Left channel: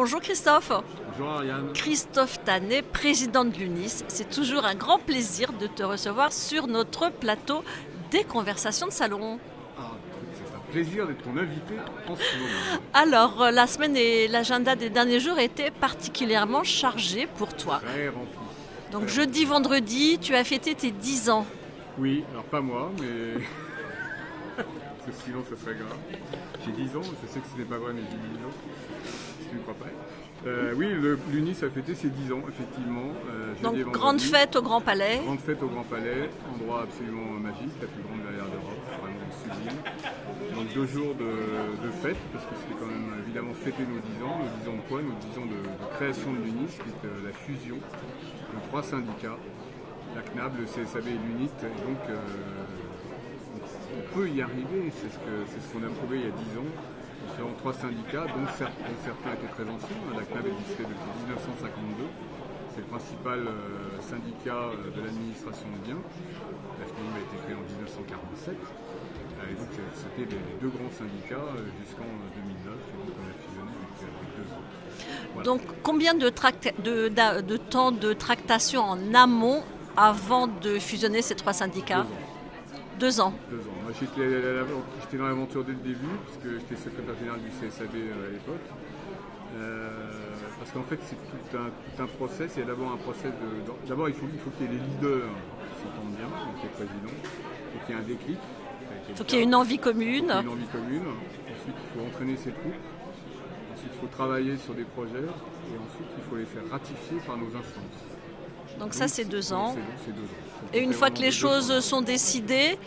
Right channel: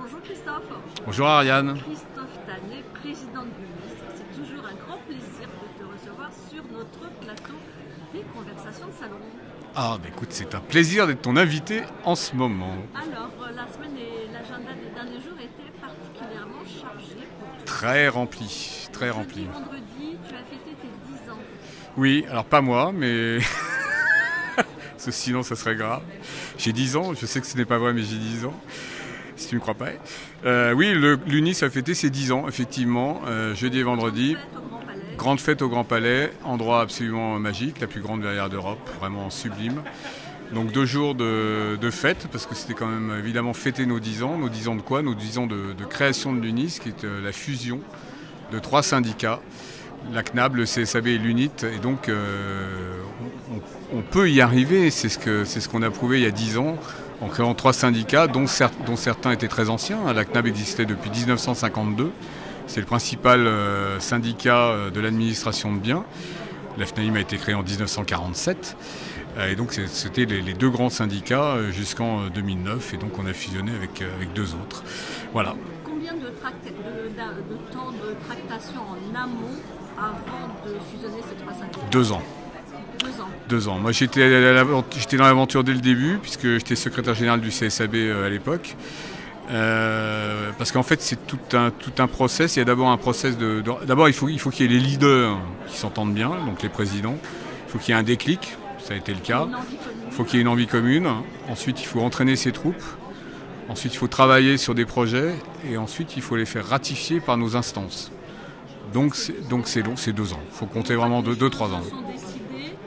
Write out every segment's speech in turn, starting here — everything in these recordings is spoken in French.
Bonjour Christophe. Bonjour Ariane. Christophe Tanet, président de l'UNIS. C'est toujours un grand plaisir de te recevoir sur notre plateau des conversations de salon. Ah bah écoute, c'est un plaisir d'être ton invité en ce moment. Alors, la semaine et l'agenda des derniers jours étaient particulièrement chargés pour toi. Très rempli. Donc jeudi, vendredi, tu as fêté tes 10 ans. Oui, alors pas moi, mais... Sinon ça serait grave. J'ai 10 ans, je sais que ce n'est pas vrai, mais j'ai 10 ans. Si tu ne me crois pas. Oui, l'UNIS a fêté ses 10 ans, effectivement, jeudi et vendredi. Grande fête au Grand Palais. Grande fête au Grand Palais, endroit absolument magique, la plus grande verrière d'Europe, vraiment sublime. Donc 2 jours de fête, parce que c'était quand même évidemment fêter nos 10 ans. Nos 10 ans de quoi? Nos 10 ans de création de l'UNIS, qui est la fusion de 3 syndicats, la CNAB, le CSAB et l'UNIT. Et donc on peut y arriver, c'est ce qu'on a prouvé il y a 10 ans, en créant 3 syndicats, dont certains étaient très anciens. La CNAB existait depuis 1952. C'est le principal syndicat de l'administration de biens. La FNAIM a été créée en 1947. Et donc c'était les 2 grands syndicats jusqu'en 2009. Et donc on a fusionné avec 2 autres. Voilà. Donc combien de temps de tractation en amont avant de fusionner ces 3 syndicats? 2 ans. 2 ans. 2 ans. Moi, j'étais dans l'aventure dès le début, puisque j'étais secrétaire général du CSAB à l'époque. Parce qu'en fait, c'est tout un process. Il y a d'abord un process d'abord, il faut qu'il y ait les leaders qui s'entendent bien, donc les présidents. Il faut qu'il y ait un déclic. Ça a été le cas. Il faut qu'il y ait une envie commune. Il faut qu'il y ait une envie commune. Ensuite, il faut entraîner ses troupes. Ensuite, il faut travailler sur des projets. Et ensuite, il faut les faire ratifier par nos instances. Donc c'est 2 ans. C'est 2 ans. Il faut Et compter une fois vraiment que les 2-3 ans. choses sont décidées,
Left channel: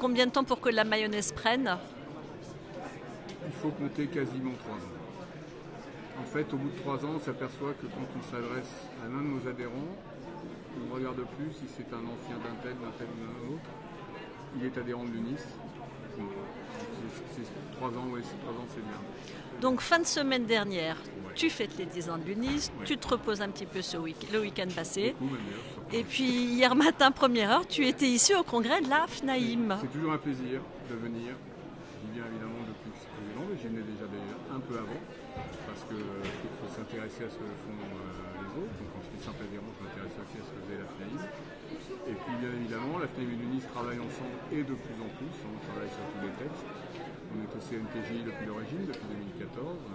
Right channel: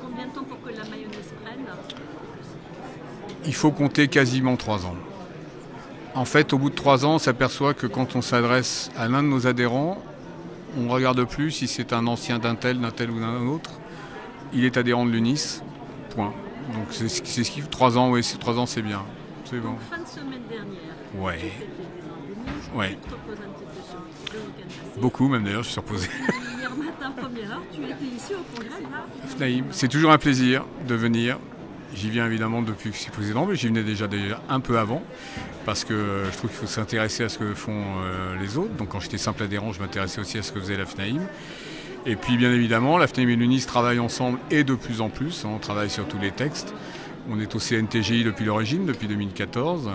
combien de temps pour que la mayonnaise prenne? Il faut compter quasiment 3 ans. En fait, au bout de 3 ans, on s'aperçoit que quand on s'adresse à l'un de nos adhérents, on ne regarde plus si c'est un ancien d'un tel ou d'un autre. Il est adhérent de l'UNIS, point. Donc c'est ce qui fait 3 ans, oui, 3 ans c'est bien. Donc fin de semaine dernière, ouais. Tu fêtes les 10 ans de l'UNIS, ouais. Tu te reposes un petit peu le week-end passé. Beaucoup même d'ailleurs, je suis reposé. Et puis hier matin, première heure, tu étais ici au congrès de la FNAIM. C'est toujours un plaisir de venir. J'y viens évidemment depuis que je suis président, mais j'y venais déjà un peu avant, parce que je trouve qu'il faut s'intéresser à ce que font les autres. Donc quand j'étais simple adhérent, je m'intéressais aussi à ce que faisait la FNAIM. Et puis bien évidemment, la FNAIM et l'UNIS travaillent ensemble et de plus en plus. On travaille sur tous les textes. On est au CNTGI depuis l'origine, depuis 2014,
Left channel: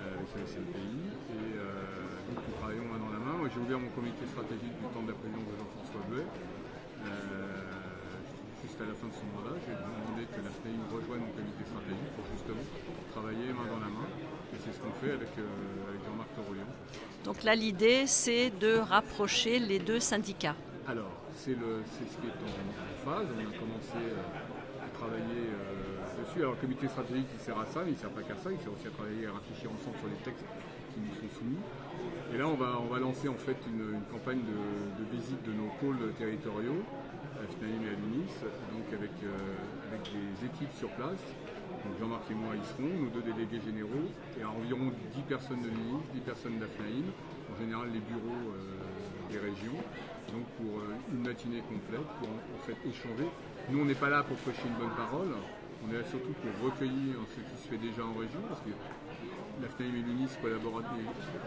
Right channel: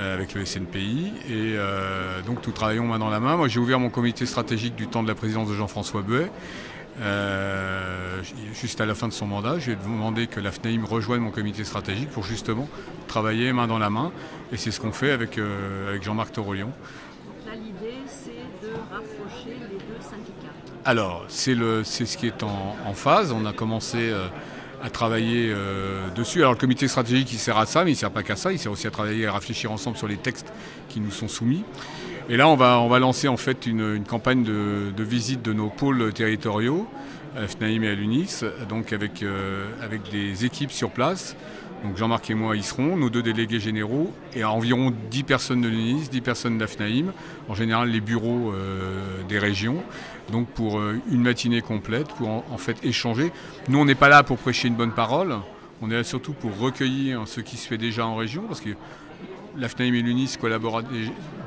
avec le SNPI. Et donc nous travaillons main dans la main. Moi j'ai ouvert mon comité stratégique du temps de la présidence de Jean-François Buet. Juste à la fin de son mandat, j'ai demandé que la FNAIM rejoigne mon comité stratégique pour justement travailler main dans la main. Et c'est ce qu'on fait avec Jean-Marc Torolion. Donc là, l'idée, c'est de rapprocher les 2 syndicats. Alors, c'est ce qui est en phase. On a commencé à travailler dessus. Alors, le comité stratégique, il sert à ça, mais il ne sert pas qu'à ça. Il sert aussi à travailler et à réfléchir ensemble sur les textes qui nous sont soumis. Et là, on va lancer en fait une campagne de visite de nos pôles territoriaux, à la FNAIM et à l'UNIS, donc avec des équipes sur place. Donc Jean-Marc et moi y serons, nos 2 délégués généraux, et environ 10 personnes de l'UNIS, 10 personnes de la FNAIM, en général les bureaux des régions, donc pour une matinée complète, pour en fait échanger. Nous, on n'est pas là pour prêcher une bonne parole, on est là surtout pour recueillir ce qui se fait déjà en région, parce que la FNAIM et l'UNIS collaborent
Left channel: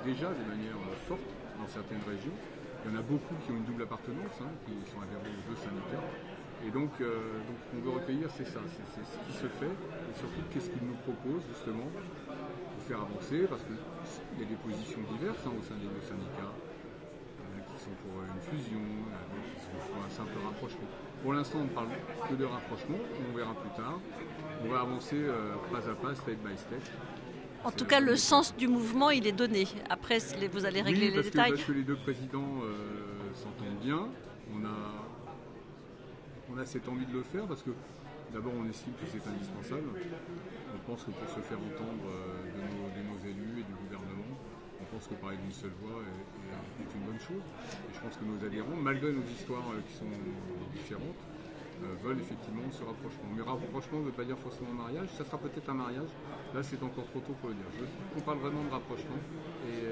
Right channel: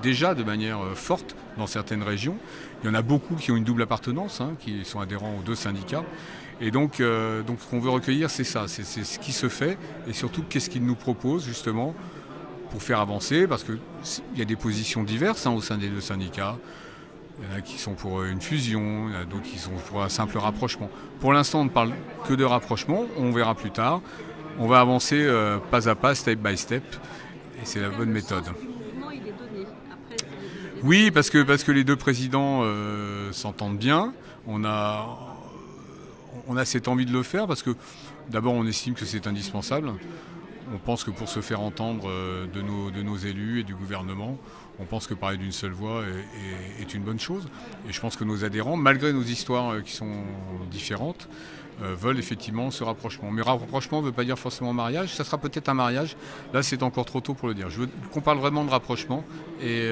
déjà de manière forte dans certaines régions. Il y en a beaucoup qui ont une double appartenance, qui sont adhérents aux 2 syndicats. Et donc ce qu'on veut recueillir, c'est ça, c'est ce qui se fait et surtout qu'est-ce qu'ils nous proposent justement pour faire avancer, parce qu'il y a des positions diverses au sein des 2 syndicats. Il y en a qui sont pour une fusion, il y en a d'autres qui sont pour un simple rapprochement. Pour l'instant, on ne parle que de rapprochement, on verra plus tard. On va avancer pas à pas, step by step. En tout cas, le sens du mouvement, il est donné. Après, vous allez oui, parce que les 2 présidents s'entendent bien. On a cette envie de le faire parce que d'abord on estime que c'est indispensable. On pense que pour se faire entendre de nos élus et du gouvernement, on pense que parler d'une seule voix est une bonne chose. Et je pense que nos adhérents, malgré nos histoires qui sont différentes, veulent effectivement ce rapprochement. Mais rapprochement ne veut pas dire forcément mariage, ça sera peut-être un mariage, là c'est encore trop tôt pour le dire. Je veux qu'on parle vraiment de rapprochement et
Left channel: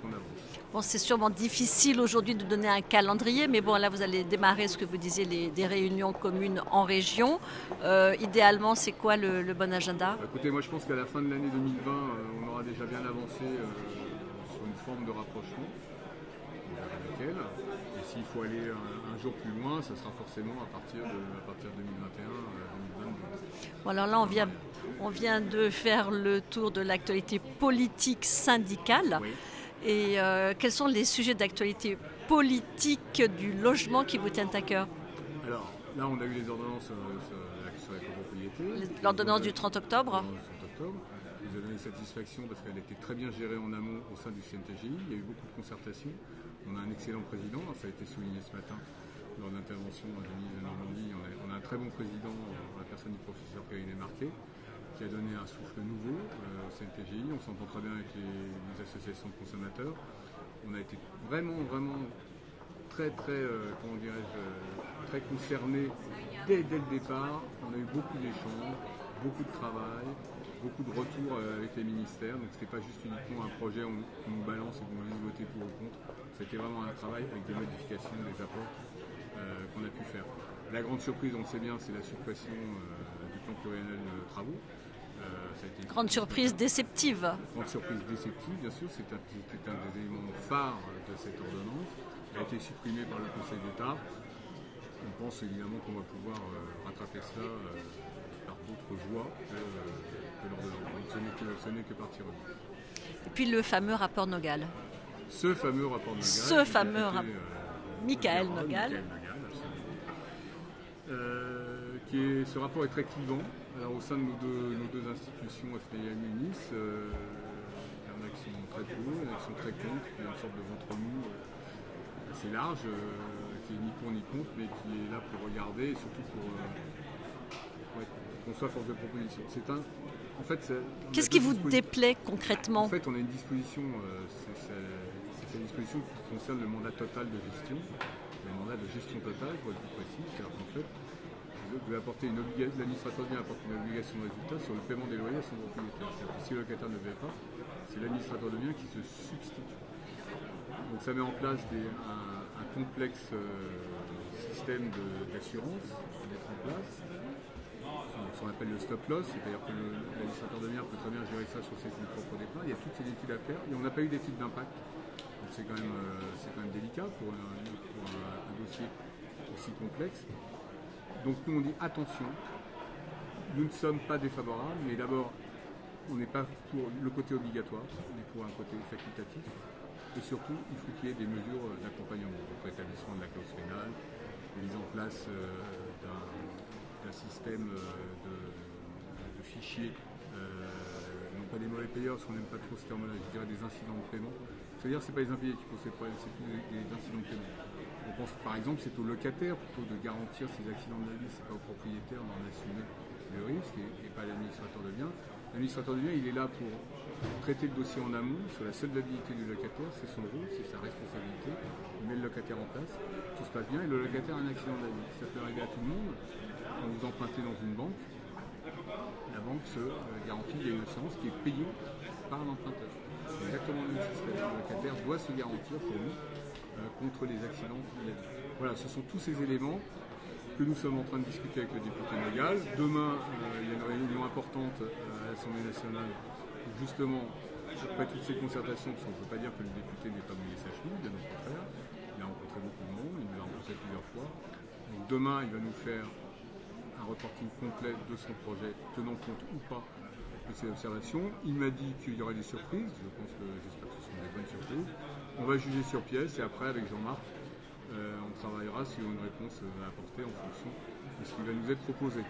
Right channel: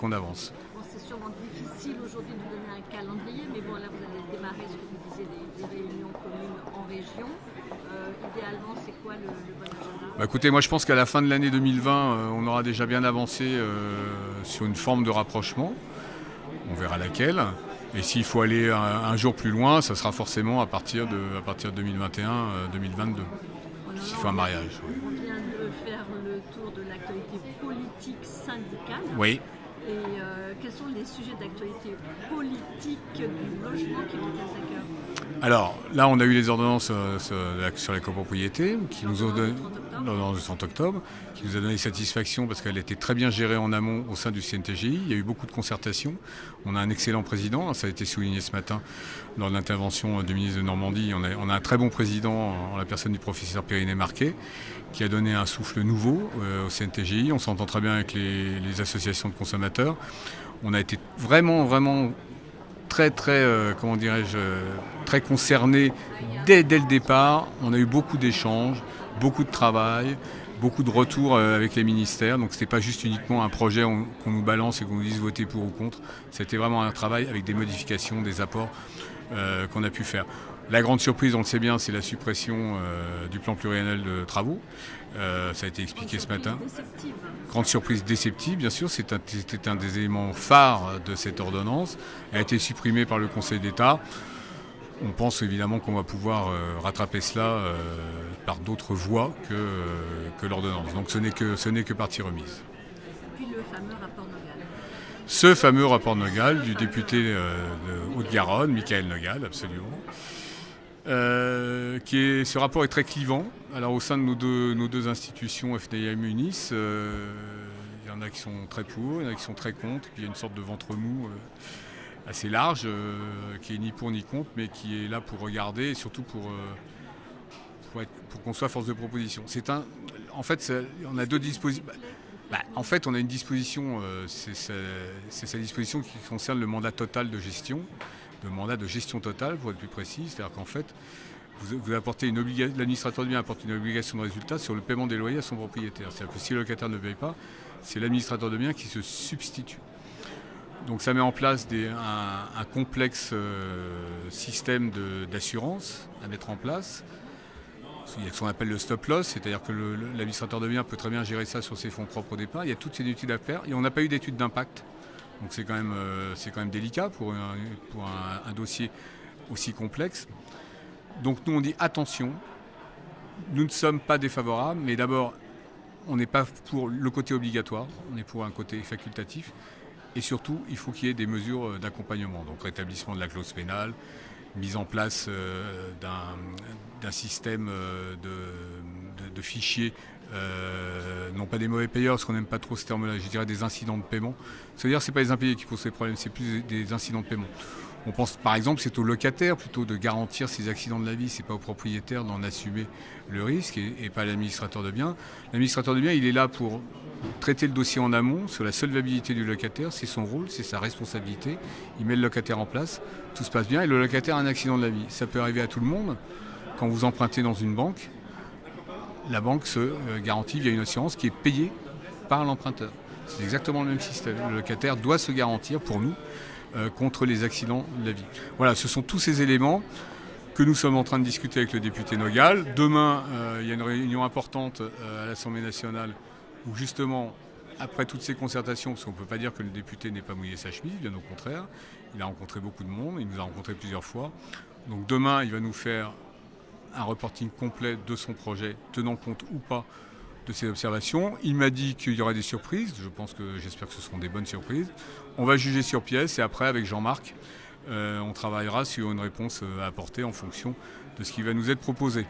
qu'on avance. Bon, c'est sûrement difficile aujourd'hui de donner un calendrier, mais bon, là vous allez démarrer ce que vous disiez, des réunions communes en région. Idéalement, c'est quoi le bon agenda? Écoutez, moi je pense qu'à la fin de l'année 2020, on aura déjà bien avancé sur une forme de rapprochement. On verra laquelle. Et s'il faut aller un jour plus loin, ça sera forcément à partir de 2021-2022. Alors là, on vient de faire le tour de l'actualité politique syndicale. Oui. Et quels sont les sujets d'actualité politique du logement qui vous tiennent à cœur? Alors là, on a eu les ordonnances sur la copropriété. L'ordonnance du 30 octobre. L'ordonnance du 30 octobre, qui nous a donné satisfaction parce qu'elle a été très bien gérée en amont au sein du CNTGI. Il y a eu beaucoup de concertation. On a un excellent président, ça a été souligné ce matin lors de l'intervention du ministre de Normandie. On a un très bon président en la personne du professeur Périnée Marquet, qui a donné un souffle nouveau au CNTGI. On s'entend très bien avec les associations de consommateurs. On a été vraiment très concernés dès le départ. On a eu beaucoup d'échanges, beaucoup de travail, beaucoup de retours avec les ministères. Donc ce n'était pas juste uniquement un projet qu'on nous balance et qu'on nous dise voter pour ou contre. C'était vraiment un travail avec des modifications, des apports qu'on a pu faire. La grande surprise, on le sait bien, c'est la suppression du plan pluriannuel de travaux. Ça a été expliqué ce matin. Grande surprise déceptive. Grande surprise déceptive, bien sûr. C'était un des éléments phares de cette ordonnance. Elle a été supprimée par le Conseil d'État. On pense évidemment qu'on va pouvoir rattraper cela par d'autres voies que l'ordonnance. Donc ce n'est que partie remise. Puis le fameux rapport Nogal. Ce fameux rapport Nogal du député de Haute-Garonne, Michaël Nogal, absolument. Ce rapport est très clivant. Alors au sein de nos deux institutions, FNIM et UNIS, il y en a qui sont très pour, il y en a qui sont très contre. Puis il y a une sorte de ventre mou assez large, qui est ni pour ni contre, mais qui est là pour regarder et surtout pour qu'on soit force de proposition. En fait, on Qu'est-ce a deux qui vous déplaît concrètement? En fait, on a une disposition, c'est sa disposition qui concerne le mandat total de gestion, le mandat de gestion totale, pour être plus précis. C'est-à-dire qu'en fait, l'administrateur de biens apporte une obligation de résultat sur le paiement des loyers à son propriétaire. C'est-à-dire que si le locataire ne paye pas, c'est l'administrateur de biens qui se substitue. Donc ça met en place un complexe système d'assurance à mettre en place. Il y a ce qu'on appelle le stop loss, c'est-à-dire que l'administrateur de biens peut très bien gérer ça sur ses fonds propres au départ. Il y a toutes ces études à faire et on n'a pas eu d'étude d'impact. Donc c'est quand même délicat pour un dossier aussi complexe. Donc nous on dit attention, nous ne sommes pas défavorables, mais d'abord on n'est pas pour le côté obligatoire, on est pour un côté facultatif. Et surtout, il faut qu'il y ait des mesures d'accompagnement, donc rétablissement de la clause pénale, mise en place d'un système de fichiers, non pas des mauvais payeurs, parce qu'on n'aime pas trop ce terme-là, je dirais des incidents de paiement. C'est-à-dire que ce n'est pas les impayés qui posent ces problèmes, c'est plus des incidents de paiement. On pense par exemple c'est au locataire plutôt de garantir ces accidents de la vie, c'est pas au propriétaire d'en assumer le risque et pas à l'administrateur de biens. L'administrateur de biens, il est là pour traiter le dossier en amont sur la solvabilité du locataire, c'est son rôle, c'est sa responsabilité. Il met le locataire en place, tout se passe bien et le locataire a un accident de la vie. Ça peut arriver à tout le monde. Quand vous empruntez dans une banque, la banque se garantit via une assurance qui est payée par l'emprunteur. C'est exactement le même système. Le locataire doit se garantir pour nous contre les accidents de la vie. Voilà, ce sont tous ces éléments que nous sommes en train de discuter avec le député Nogal. Demain, il y a une réunion importante à l'Assemblée nationale où justement, après toutes ces concertations, parce qu'on ne peut pas dire que le député n'ait pas mouillé sa chemise, bien au contraire, il a rencontré beaucoup de monde, il nous a rencontrés plusieurs fois. Donc demain, il va nous faire un reporting complet de son projet, tenant compte ou pas de ses observations. Il m'a dit qu'il y aurait des surprises, j'espère que ce seront des bonnes surprises. On va juger sur pièce et après, avec Jean-Marc, on travaillera sur une réponse à apporter en fonction de ce qui va nous être proposé.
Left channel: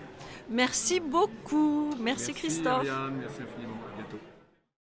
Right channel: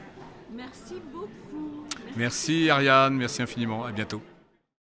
Merci beaucoup. Merci Christophe. Ariane, merci infiniment. À bientôt.